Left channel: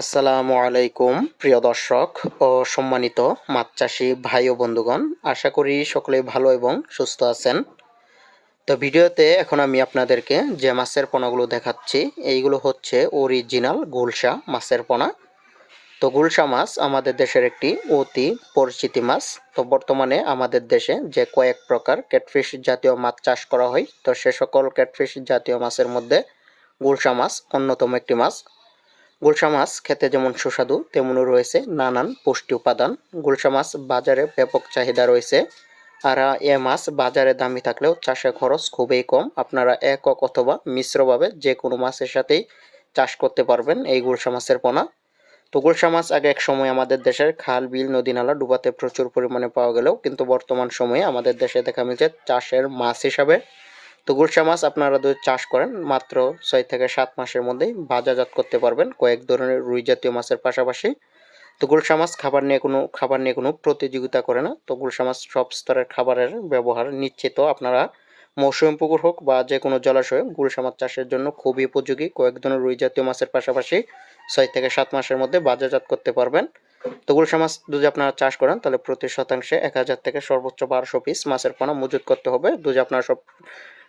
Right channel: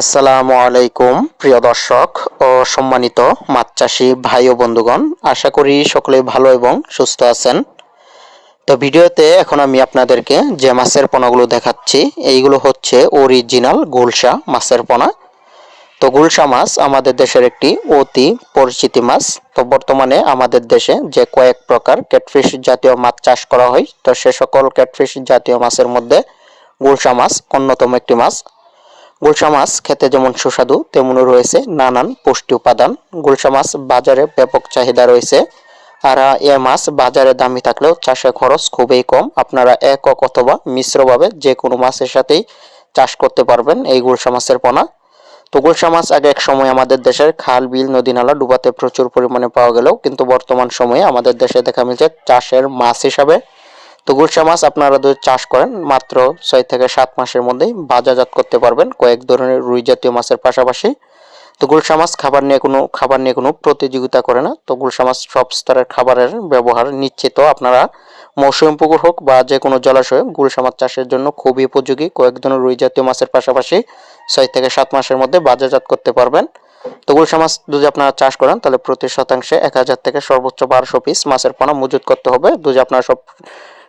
আসসালামু আলাইকুম, প্রিয় দর্শক ও সম্মানিত মাছ চাষি ভাই ও বন্ধুগণ, আশা করি সকলেই ভালো এবং সুস্থ আছেন। তো ভিডিওতে এখন আমি আপনাদেরকে যে মাছের পোনাগুলো দেখাচ্ছি, এইগুলো হচ্ছে অরিজিনাল গুলশা মাছের পোনা। তো গুলশা মাছ আমাদের দেশের একটি অতি পরিচিতি মাছ। তো বর্তমানে আমাদের দেশে যে কয়েক প্রকার ক্যাটফিশ জাতীয় মাছ চাষ করা হয়, তো সে সকল ক্যাটফিশ জাতীয় মাছের মধ্যে গুলশা মাছ অন্যতম একটি মাছ। গুলশা মাছ খেতে যেমন সুস্বাদু, তেমনও রয়েছে নানান পুষ্টি উপাদান। গুলশা মাছ বাজারে ব্যাপক চাহিদা রয়েছে। আর এ মাছ বাজারে দামি থাকলেও চাষে খরচ খুবই কম। আপনারা একক অথবা মিশ্রভাবে যে কোনো মাছের সাথেই চাষ করতে পারবেন এই গুলশা মাছের পোনা। তো গুলশা মাছ আগে এক সময় আমাদের দেশের খাল, বিল, নদী, নালা ডুবাতে প্রচুর পরিমাণে পাওয়া গেলেও কিন্তু বর্তমান সময়ে আমাদের দেশে দেখা মিলছে চাষের মাছ হিসাবে তো গুলশা মাছ আপনারা যদি চাষ করেন মাত্র ছয় থেকে সাত মাসের মধ্যেই বাজারজাত করতে পারবেন কয়েক ধরনের রুই জাতীয় মাছের পাশাপাশি। তো গুলশা মাছ খাবার নিয়ে কোনো, খাবার নিয়ে কোনো প্রতিযোগিতা করে না। তো গুলশা মাছ সব স্তরের খাবারের ব্যবহার নিশ্চিত। আপনারা মৌসুমি পুকুর হোক বা যে কোনো জলাশয়ে গুলশা মাছ চাষের জন্য খুবই উপযোগী। কয়েক ধরনের রুই জাতীয় মাছের পাশাপাশি ছয় থেকে সাত মাসের মধ্যে বাজারজাত করতে পারবেন। তো গুলশা মাছ যদি আপনারা চাষ করেন, তাহলে প্রতি শতাংশে এক হাজার থেকে সর্বোচ্চ বারোশো পিস মাছের পোনা মজুত করতে হবে। যদি আপনারা সব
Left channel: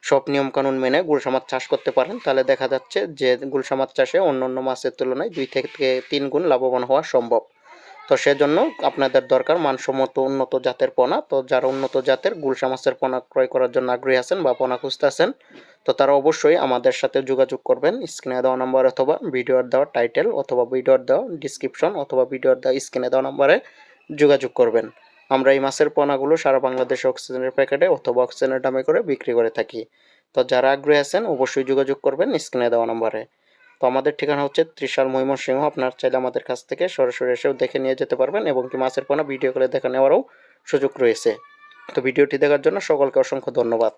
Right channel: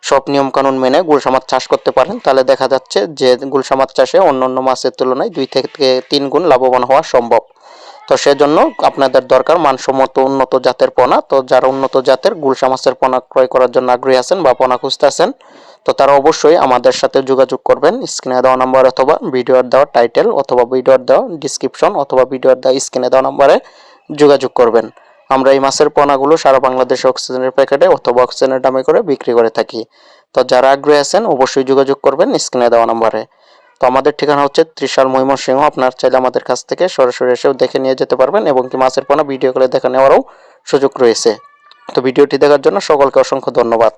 সব নিয়ম কানুন মেনে গুলশা মাছ চাষ করতে পারেন, তাহলে দেখা যাচ্ছে যে গুলশা মাছ চাষে অন্য অন্য মাছের তুলনায় দুই থেকে তিন গুণ লাভবান হওয়া সম্ভব। তো সেজন্য আপনাদের দরকার মানসম্মত উন্নত জাতের পোনা। তো যারা উন্নত জাতের গুলশা মাছের পোনা ক্রয় করার জন্য আগ্রহী আছেন বা পোনা খুঁজতেছেন তো তারা অবশ্যই আমাদের সাথে যোগাযোগ করবেন। স্ক্রিনে দেওয়া নাম্বার অথবা ভিডিওর দেওয়া টাইটেল অথবা ভিডিওর দেওয়া ডিসক্রিপশন অথবা ভিডিওর দেওয়া স্ক্রিনে দেওয়া নাম্বারে যোগাযোগ করবেন। আমরা এই মাছের পোনাগুলো সারা বাংলাদেশে অক্সিজেনের প্যাকেটে অথবা অক্সিজেনের দামে করে বিক্রি করে থাকি। তো যারা আগ্রহী আছেন, অবশ্যই যোগাযোগ করবেন স্ক্রিনে দেওয়া নাম্বারে। তো আমাদের ঠিকানা হচ্ছে ত্রিশাল ময়মনসিংহ। আপনার চাইলে আমাদের কাছ থেকে সরাসরি এসেও দেখে নিয়ে যেতে পারবেন এবং কি মাছের পোনা ভিডিও করে দেখা নেওয়ারও সুযোগ রয়েছে। তো ভিডিওটি দেখার জন্য সকলকে অসংখ্য ধন্যবাদ।